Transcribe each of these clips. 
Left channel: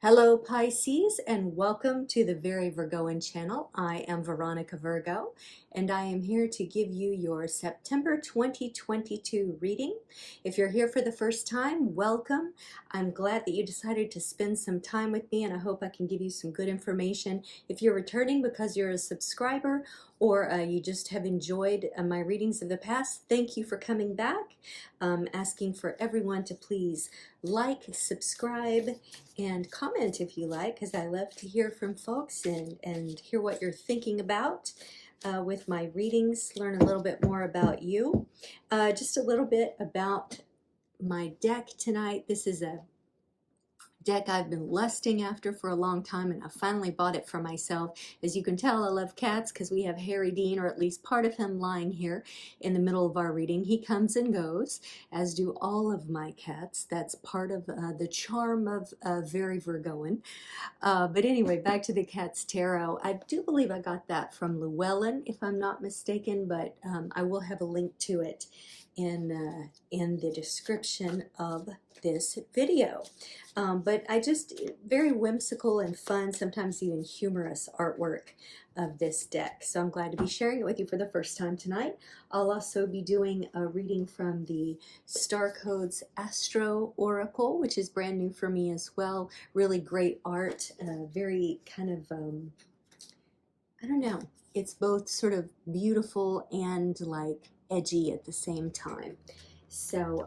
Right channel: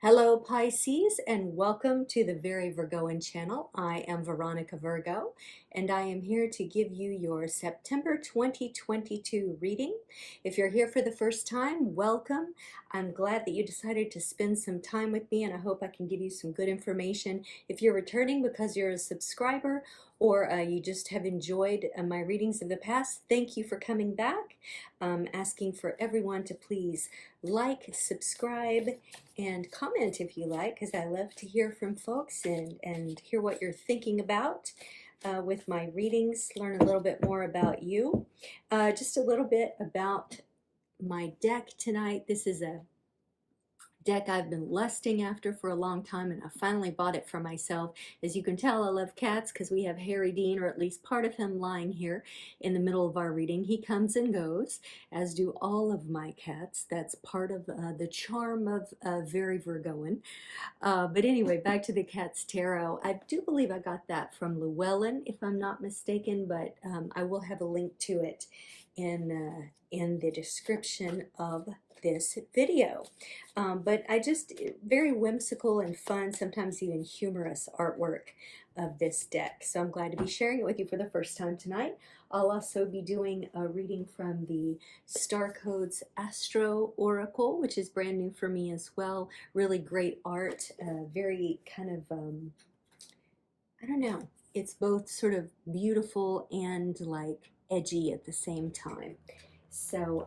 Hello Pisces, and welcome to the Very Virgoan channel. I am Veronica Virgo and I am here to give you your September 2022 reading. If you're here for the first time, welcome. I'm glad that you decided to spend some time with me and I hope I can give you some good information. If you're returning because you're a subscriber or you just have enjoyed my readings of the past, thank you for coming back. Asking for everyone to please like, subscribe, and comment if you like, because I love to hear from folks and hear what you're thinking about with my readings, learn a little bit more about you. Just a little bit about my deck tonight. This is a deck I've been lusting after for a long time, and I finally bought it for myself. As you can tell, I love cats because we have Harry Dean, or at least part of him, lying here in the middle of our reading. He comes and goes, as do all of my cats. That's part of the charm of Very Virgoan. But anyway, back to the Cat's Tarot. I do believe I got that from Llewellyn, if I'm not mistaken, but I will have a link to it in the description of this video. But very whimsical and fun, sometimes even humorous artwork of this deck. So I'm glad to be sharing it with you for the first time tonight. I'll also be doing a reading from the Star Codes Astro Oracle, which is brand new for me as well. Really great art, very kind of, I don't know, it's both sort of beautiful and like edgy at the same time. So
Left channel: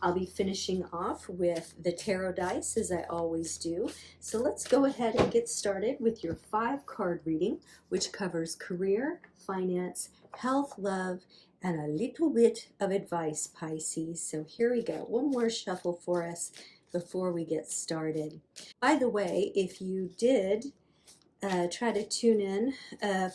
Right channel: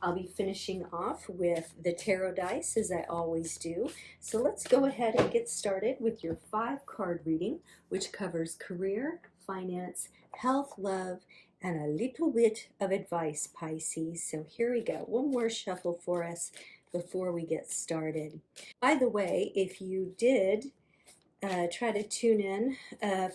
I'll be finishing off with the tarot dice, as I always do. So let's go ahead and get started with your 5-card reading, which covers career, finance, health, love, and a little bit of advice, Pisces. So here we go. One more shuffle for us before we get started. By the way, if you did try to tune in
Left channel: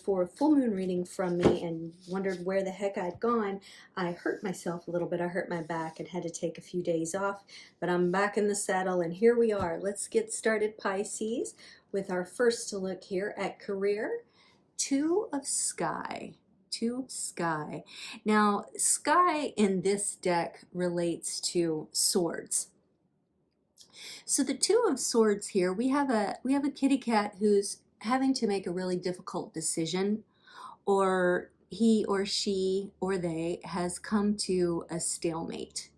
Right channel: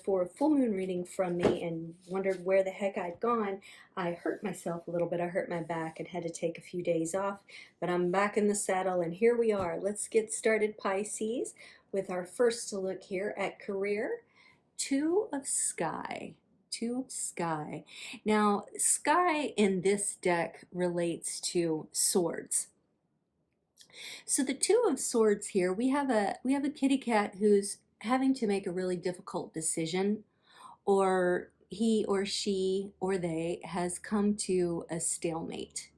for a full moon reading from me and wondered where the heck I'd gone, I hurt myself a little bit. I hurt my back and had to take a few days off, but I'm back in the saddle and here we are. Let's get started, Pisces, with our first look here at career. 2 of Sky. 2 of Sky. Now, Sky in this deck relates to swords. So the 2 of Swords here, we have a kitty cat who's having to make a really difficult decision, or he or she or they has come to a stalemate.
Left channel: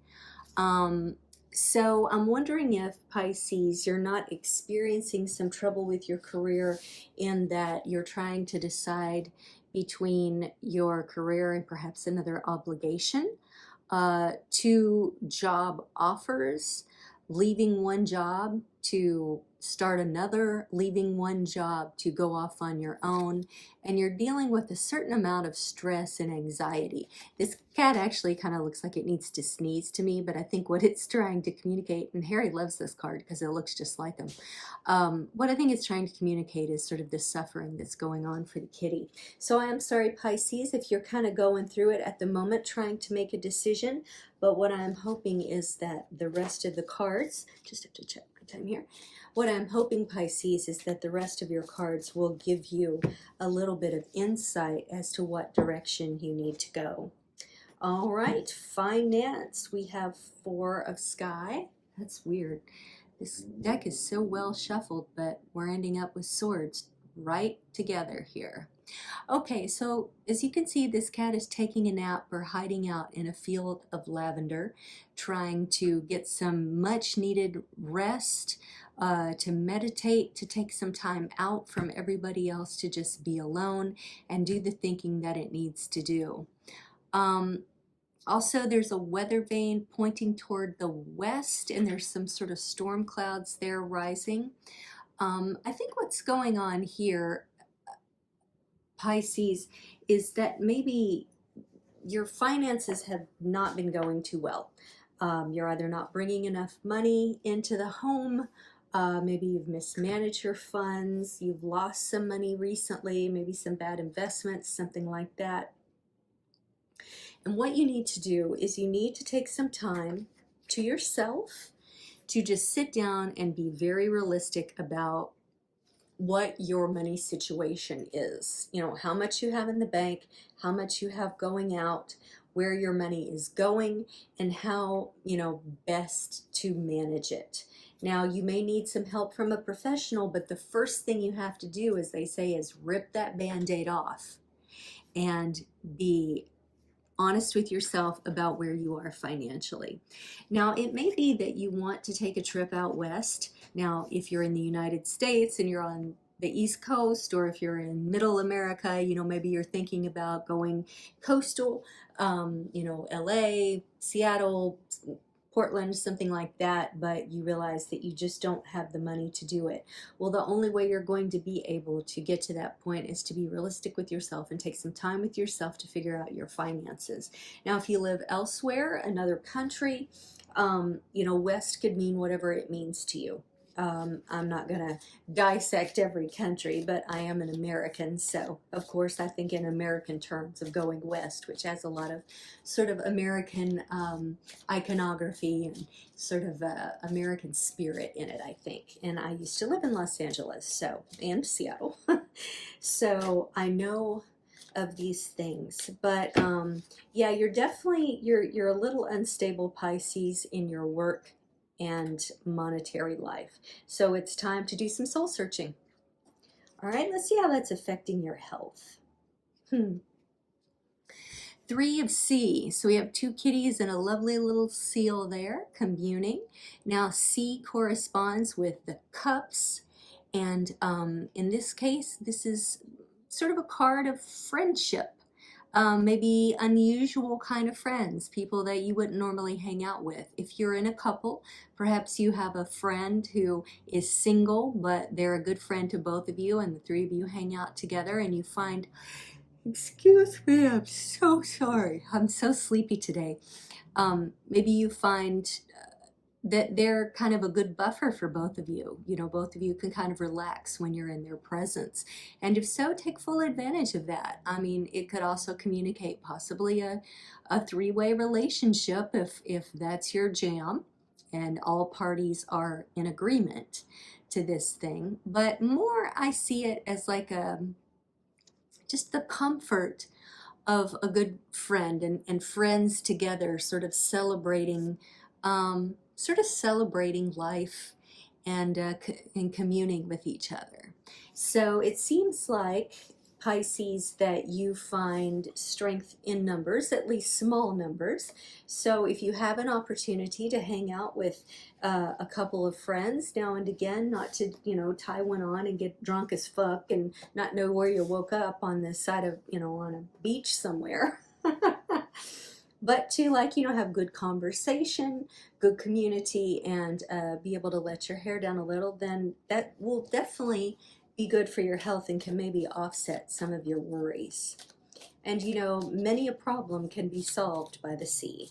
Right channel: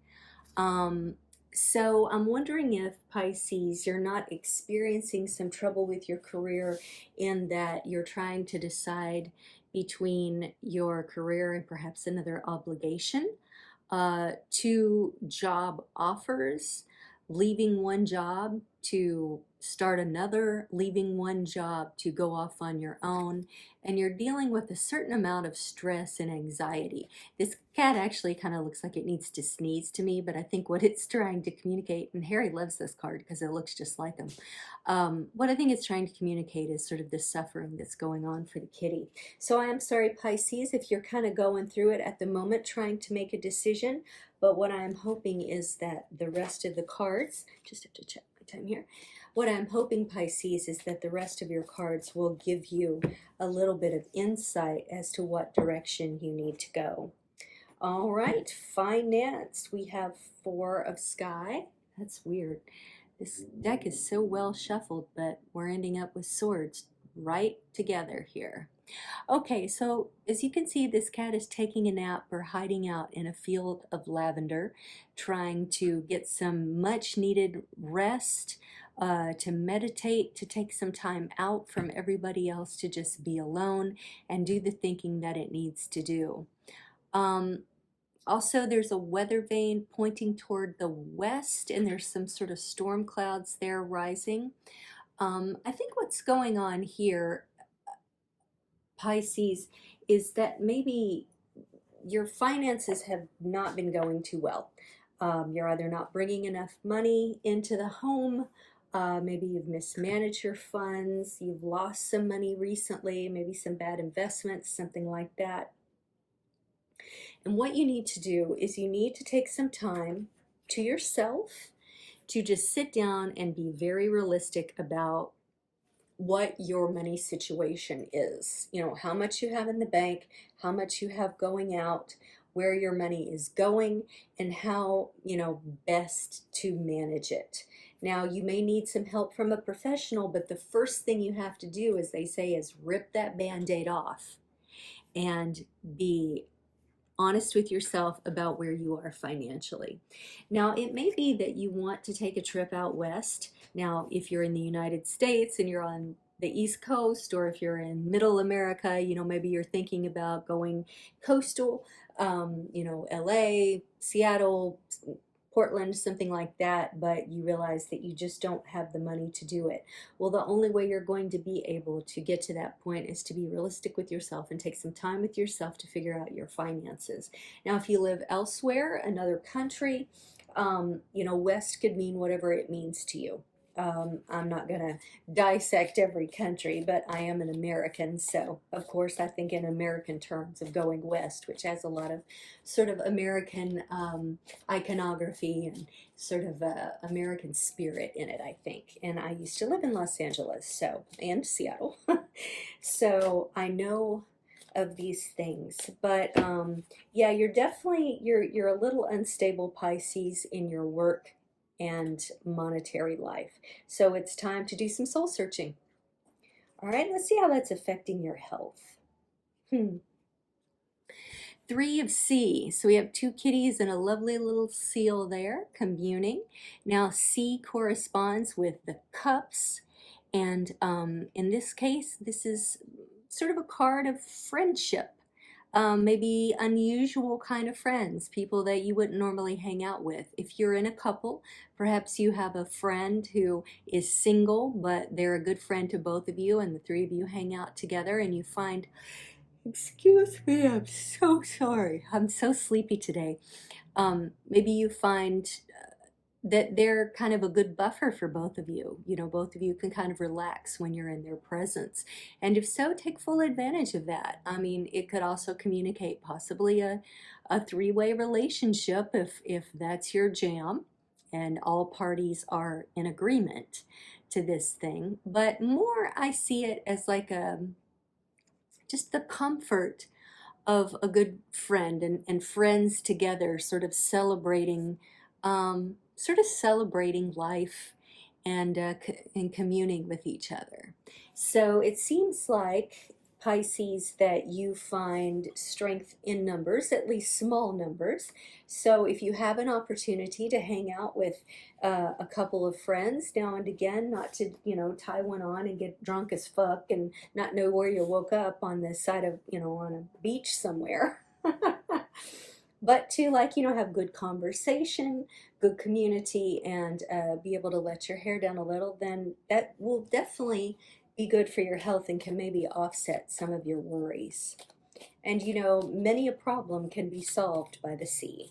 So I'm wondering if, Pisces, you're not experiencing some trouble with your career in that you're trying to decide between your career and perhaps another obligation, 2 job offers, leaving one job to start another, leaving one job to go off on your own, and you're dealing with a certain amount of stress and anxiety. This cat actually kind of looks like it needs to sneeze to me, but I think what it's trying to communicate, and Harry loves this card because it looks just like him, what I think it's trying to communicate is sort of the suffering that's going on for the kitty. So I am sorry, Pisces, if you're kind of going through it at the moment, trying to make a decision, but what I'm hoping is that the rest of the cards, just have to check my time here, what I'm hoping, Pisces, is that the rest of your cards will give you a little bit of insight as to what direction you need to go. All right, finance. We have 4 of Sky. That's weird. This deck is so well shuffled, but we're ending up with swords right together here. Okay, so as you can see, this cat is taking a nap or hiding out in a field of lavender, trying to get some much needed rest, to meditate, to take some time out from everybody else, to just be alone and do the thinking that it needs to do. Also, there's a weather vane pointing toward the west, and there's some sort of storm clouds there rising. I think what's going on here, Pisces, is that maybe your finances have not been going too well. You're either not bringing enough money into the home, maybe you've mismanaged your funds, you've lost some money recently, maybe some bad investments, something like that. And what you need to do is you need to take some time to yourself to just sit down and be very realistic about what your money situation is. You know, how much you have in the bank, how much you have going out, where your money is going, and how, best to manage it. Now, you may need some help from a professional, but the first thing you have to do, as they say, is rip that Band-Aid off and be honest with yourself about where you are financially. Now, it may be that you want to take a trip out west. Now, if you're in the United States and you're on the East Coast, or if you're in Middle America, you know, maybe you're thinking about going coastal, you know, LA, Seattle, Portland, something like that, but you realize that you just don't have the money to do it. Well, the only way you're going to be able to get to that point is to be realistic with yourself and take some time with yourself to figure out your finances. Now, if you live elsewhere, another country, you know, West could mean whatever it means to you. I'm not going to dissect every country, but I am an American, so of course I think in American terms of going west, which has a lot of sort of American iconography and sort of American spirit in it, I think. And I used to live in Los Angeles, so, and Seattle, so I know of these things. But yeah, you're definitely, you're a little unstable, Pisces, in your work and monetary life. So it's time to do some soul searching. All right, let's see how that's affecting your health. 3 of C. So we have 2 kitties and a lovely little seal there communing. Now C corresponds with the cups. And in this case, this is sort of a card of friendship. Maybe unusual kind of friends, people that you wouldn't normally hang out with. If you're in a couple, perhaps you have a friend who is single, but they're a good friend to both of you, and the 3 of you hang out together and you find, excuse me, I'm so sorry, I'm so sleepy today. Maybe you find that they're kind of a good buffer for both of you. You know, both of you can kind of relax when you're in their presence. And if so, take full advantage of that. I mean, it could also communicate possibly a 3-way relationship if that's your jam and all parties are in agreement to this thing. But more, I see it as like just the comfort of a good friend and friends together, sort of celebrating life and communing with each other. So it seems like, Pisces, that you find strength in numbers, at least small numbers. So if you have an opportunity to hang out with a couple of friends now and again, not to, you know, tie one on and get drunk as fuck and not know where you woke up on the side of, you know, on a beach somewhere. But to, like, you know, have good conversation, good community, and be able to let your hair down a little, then that will definitely be good for your health and can maybe offset some of your worries. And, you know, many a problem can be solved by the sea.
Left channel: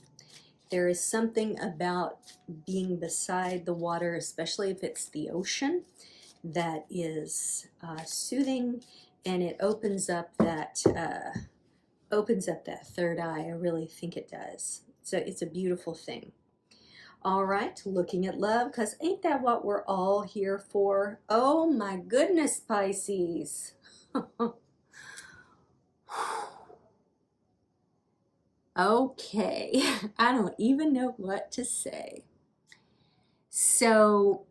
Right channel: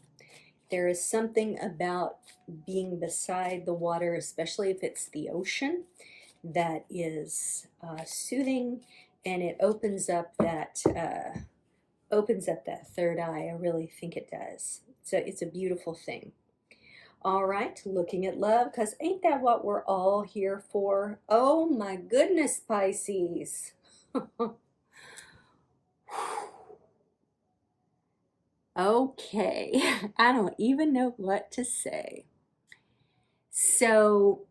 There is something about being beside the water, especially if it's the ocean, that is soothing, and it opens up that third eye. I really think it does. So it's a beautiful thing. All right, looking at love, because ain't that what we're all here for? Oh my goodness, Pisces. Okay, I don't even know what to say. So,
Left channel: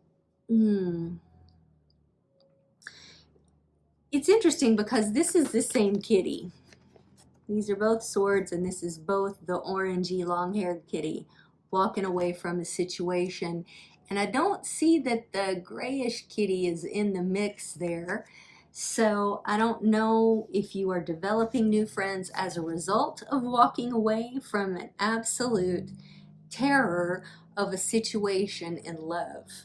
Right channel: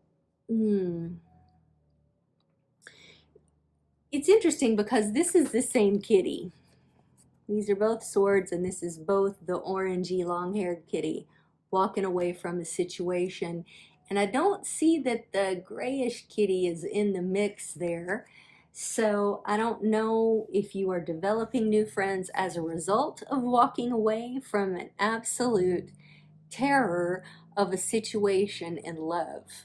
it's interesting because this is the same kitty. These are both swords, and this is both the orangey long-haired kitty walking away from a situation. And I don't see that the grayish kitty is in the mix there. So I don't know if you are developing new friends as a result of walking away from an absolute terror of a situation in love.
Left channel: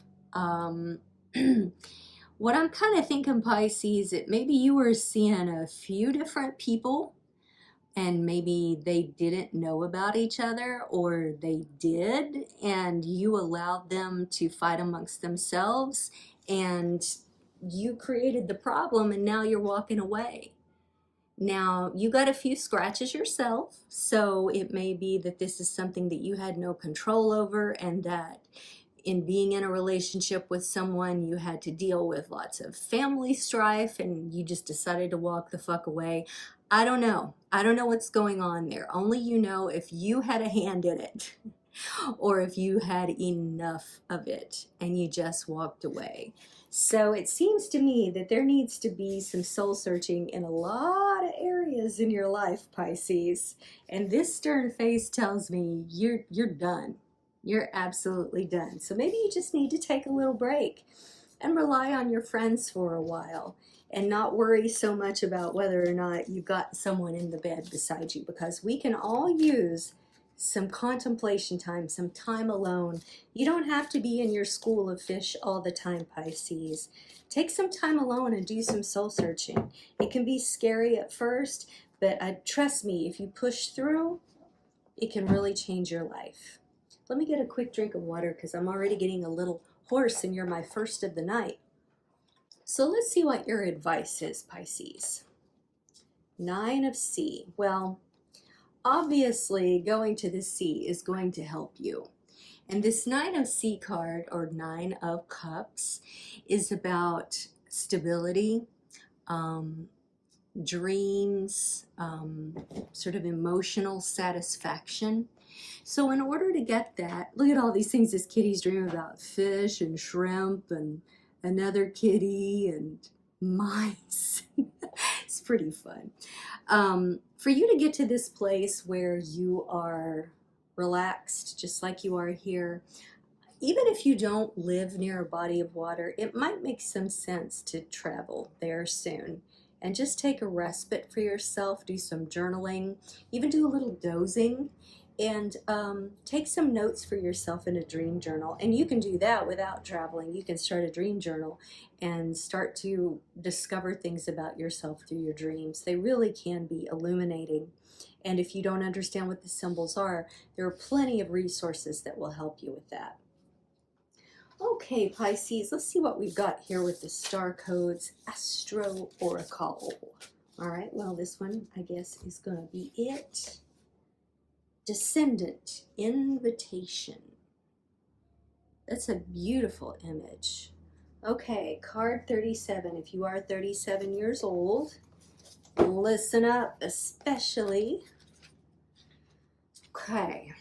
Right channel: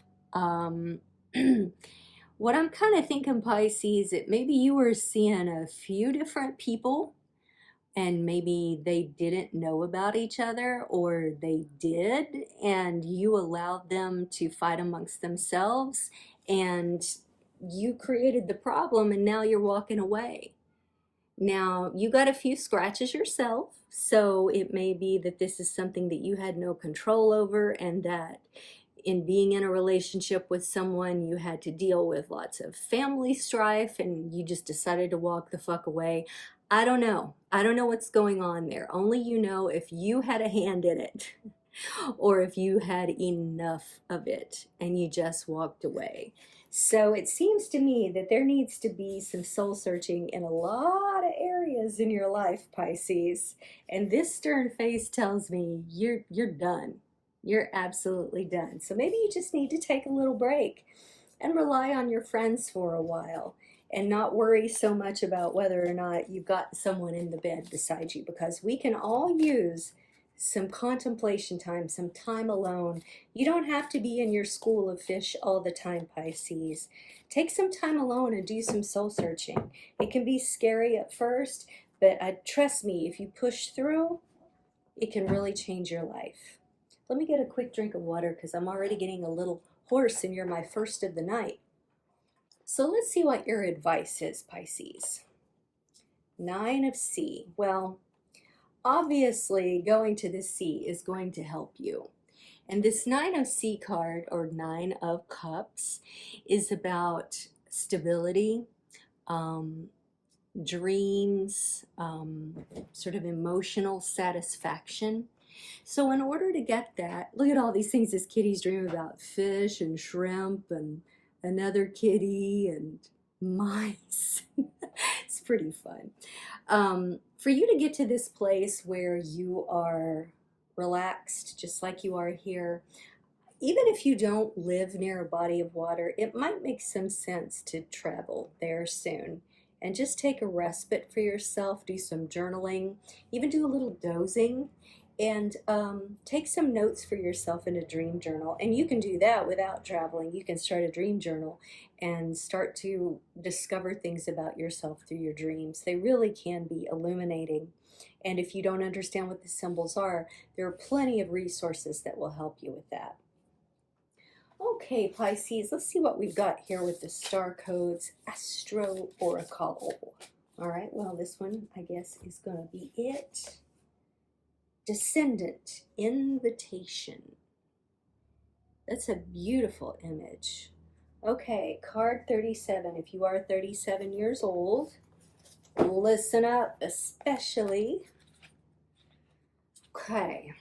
What I'm kind of thinking, Pisces, that maybe you were seeing a few different people, and maybe they didn't know about each other, or they did, and you allowed them to fight amongst themselves, and you created the problem, and now you're walking away. Now, you got a few scratches yourself, so it may be that this is something that you had no control over, and that in being in a relationship with someone, you had to deal with lots of family strife, and you just decided to walk the fuck away. I don't know. I don't know what's going on there. Only you know if you had a hand in it. or if you had enough of it and you just walked away. So it seems to me that there needs to be some soul searching in a lot of areas in your life, Pisces. And this stern face tells me you're done. You're absolutely done. So maybe you just need to take a little break and rely on your friends for a while and not worry so much about whether or not you've got someone in the bed beside you, because we can all use some contemplation time, some time alone. You don't have to be in your school of fish all the time, Pisces. Take some time alone and do some soul searching. It can be scary at first, but trust me, if you push through, it can really change your life. Let me get a quick drink of water because I'm already getting a little hoarse and you're my first of the night. So let's see what your advice is, Pisces. 9 of C. Well, obviously, going to the sea is going to help you. And this 9 of C card, or 9 of Cups, is about stability, dreams, sort of emotional satisfaction. So in order to get that, look at all these things this kitty's dreaming about: fish and shrimp and another kitty and mice. It's pretty fun. For you to get to this place where you are relaxed, just like you are here, even if you don't live near a body of water, it might make some sense to travel there soon and just take a respite for yourself, do some journaling, even do a little dozing, and take some notes for yourself in a dream journal. And you can do that without traveling. You can start a dream journal and start to discover things about yourself through your dreams. They really can be illuminating. And if you don't understand what the symbols are, there are plenty of resources that will help you with that. Okay, Pisces, let's see what we've got here with the star codes Astro Oracle. All right, well, this one, I guess, is going to be it. Descendant, invitation. That's a beautiful image. Okay, card 37. If you are 37 years old, listen up, especially. Okay,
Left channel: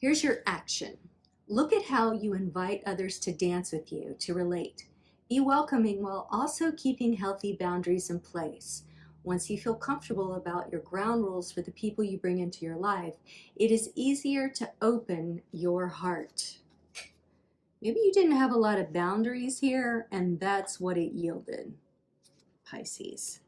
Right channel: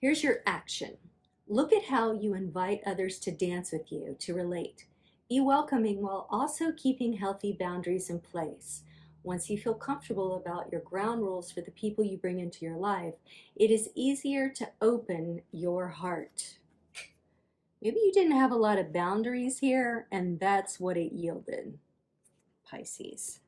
here's your action. Look at how you invite others to dance with you, to relate. Be welcoming while also keeping healthy boundaries in place. Once you feel comfortable about your ground rules for the people you bring into your life, it is easier to open your heart. Maybe you didn't have a lot of boundaries here, and that's what it yielded, Pisces.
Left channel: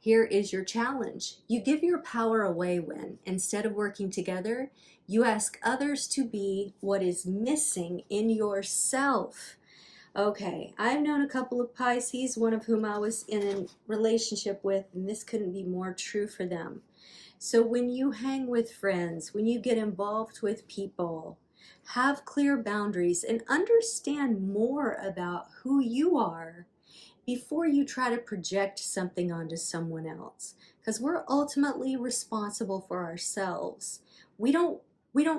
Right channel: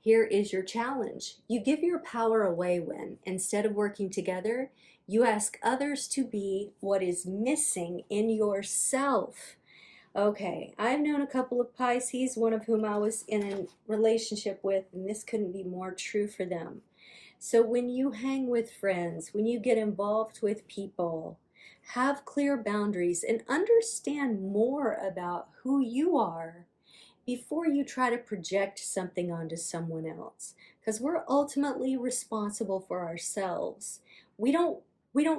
Here is your challenge. You give your power away when, instead of working together, you ask others to be what is missing in yourself. Okay, I've known a couple of Pisces, one of whom I was in a relationship with, and this couldn't be more true for them. So when you hang with friends, when you get involved with people, have clear boundaries and understand more about who you are before you try to project something onto someone else. Because we're ultimately responsible for ourselves. We don't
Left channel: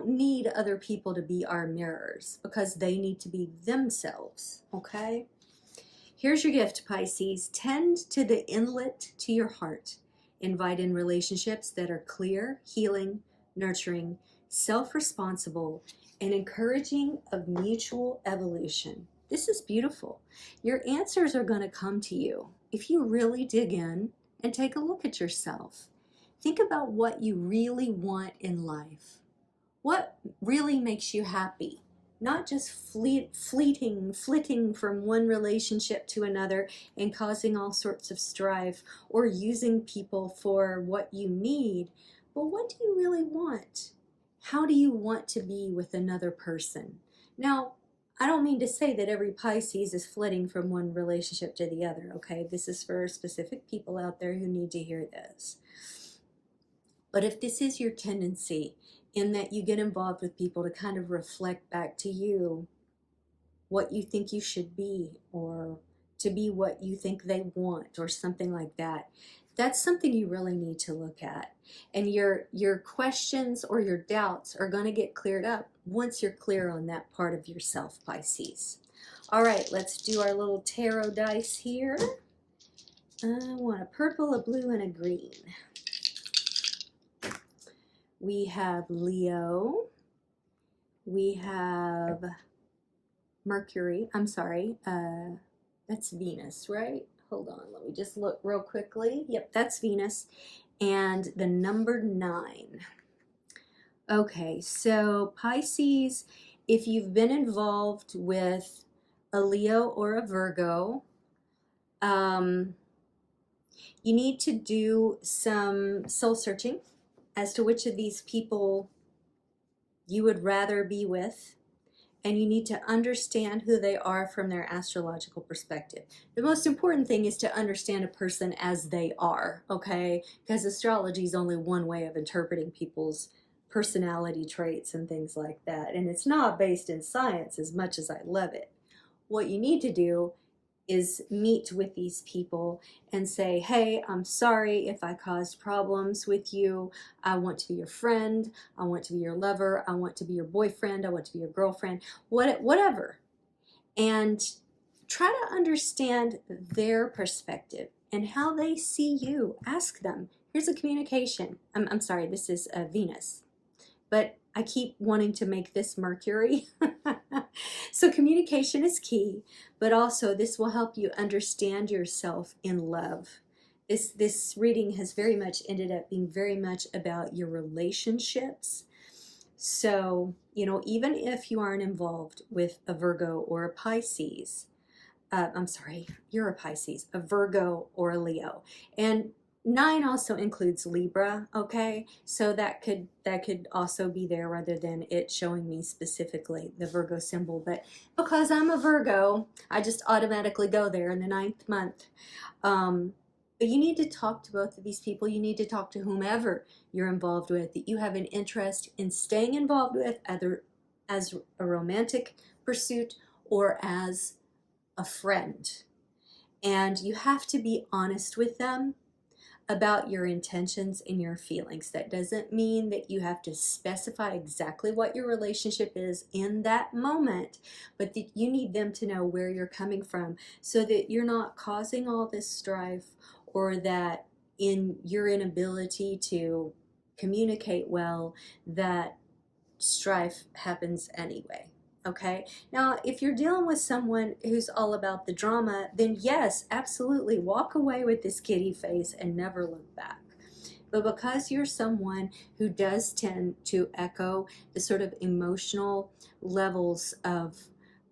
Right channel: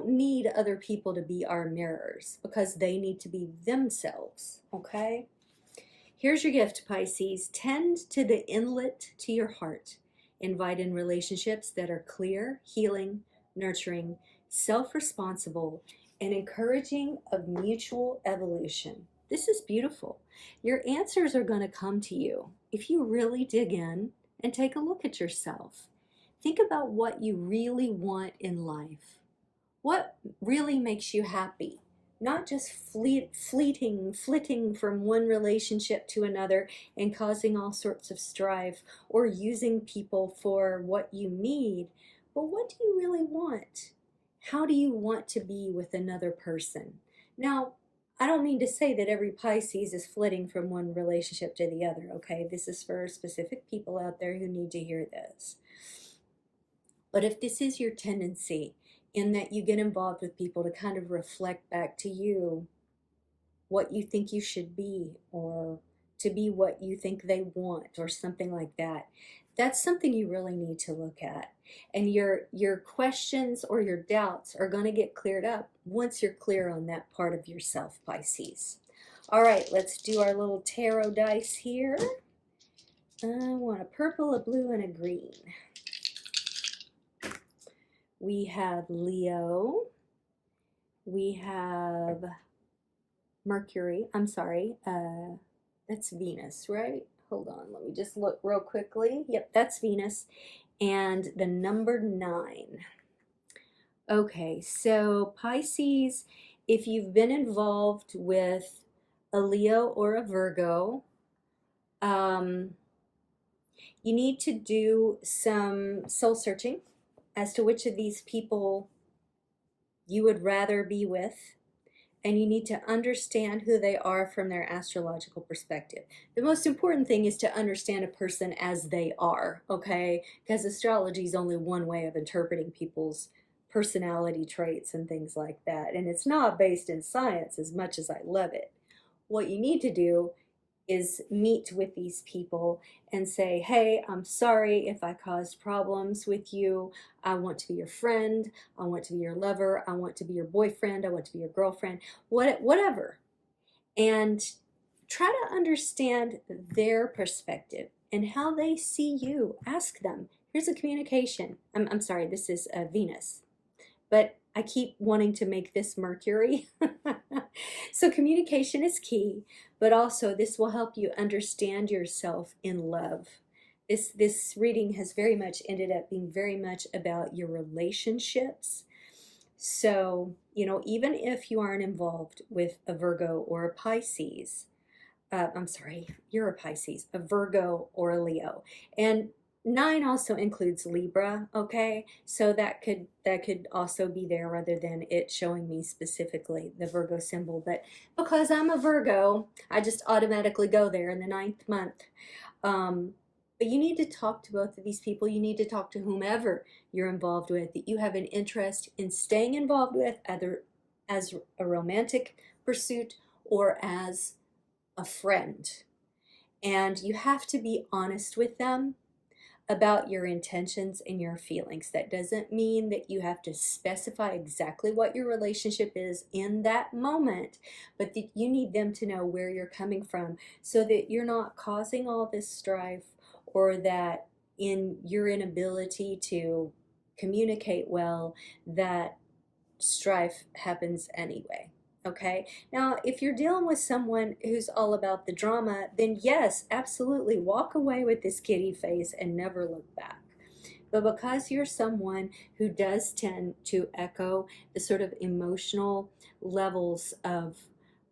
need other people to be our mirrors because they need to be themselves, okay? Here's your gift, Pisces. Tend to the inlet to your heart. Invite in relationships that are clear, healing, nurturing, self-responsible, and encouraging of mutual evolution. This is beautiful. Your answers are going to come to you if you really dig in and take a look at yourself. Think about what you really want in life. What really makes you happy? Not just flitting from one relationship to another and causing all sorts of strife or using people for what you need, but what do you really want? How do you want to be with another person? Now, I don't mean to say that every Pisces is flitting from one relationship to the other, okay? This is for specific people out there who need to hear this. But if this is your tendency, in that you get involved with people to kind of reflect back to you what you think you should be, or to be what you think they want, or something like that, that's something you really need to look at. And your questions or your doubts are going to get cleared up once you're clear on that part of yourself, Pisces. All right, let's do our little tarot dice here. I want a purple, a blue, and a green. We have Leo, we have Mercury. I'm sorry, that's Venus, right? Hold on, let me just look real quickly. Yep, that's Venus. And the number 9. Okay, so Pisces, if you've been involved with a Leo or a Virgo, you need to do some soul searching as to which of these people you would rather be with, and you need to understand who they are from their astrological perspective. The most important thing is to understand a person as they are, okay? Because astrology is only one way of interpreting people's personality traits and things like that, and it's not based in science as much as I love it. What you need to do is meet with these people and say, hey, I'm sorry if I caused problems with you. I want to be your friend. I want to be your lover. I want to be your boyfriend. I want to be your girlfriend, whatever. And try to understand their perspective and how they see you. Ask them. Here's a communication. I'm sorry, this is Venus. But I keep wanting to make this Mercury. So communication is key, but also this will help you understand yourself in love. This reading has very much ended up being very much about your relationships. So, you know, even if you aren't involved with a Virgo or a Pisces, I'm sorry, you're a Pisces, a Virgo or a Leo. And 9 also includes Libra, okay? So that could also be there rather than it showing me specifically the Virgo symbol. But because I'm a Virgo, I just automatically go there in the 9th month. But you need to talk to both of these people. You need to talk to whomever you're involved with, that you have an interest in staying involved with, either as a romantic pursuit or as a friend. And you have to be honest with them about your intentions and your feelings. That doesn't mean that you have to specify exactly what your relationship is in that moment, but that you need them to know where you're coming from so that you're not causing all this strife, or that in your inability to communicate well, that strife happens anyway. Okay, now if you're dealing with someone who's all about the drama, then yes, absolutely walk away with this kitty face and never look back. But because you're someone who does tend to echo the sort of emotional levels of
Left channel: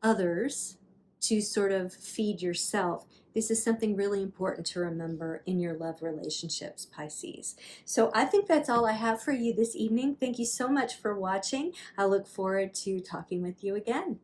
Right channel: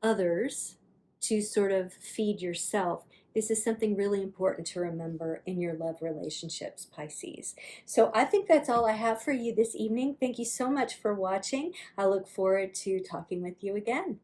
others to sort of feed yourself, this is something really important to remember in your love relationships, Pisces. So I think that's all I have for you this evening. Thank you so much for watching. I look forward to talking with you again.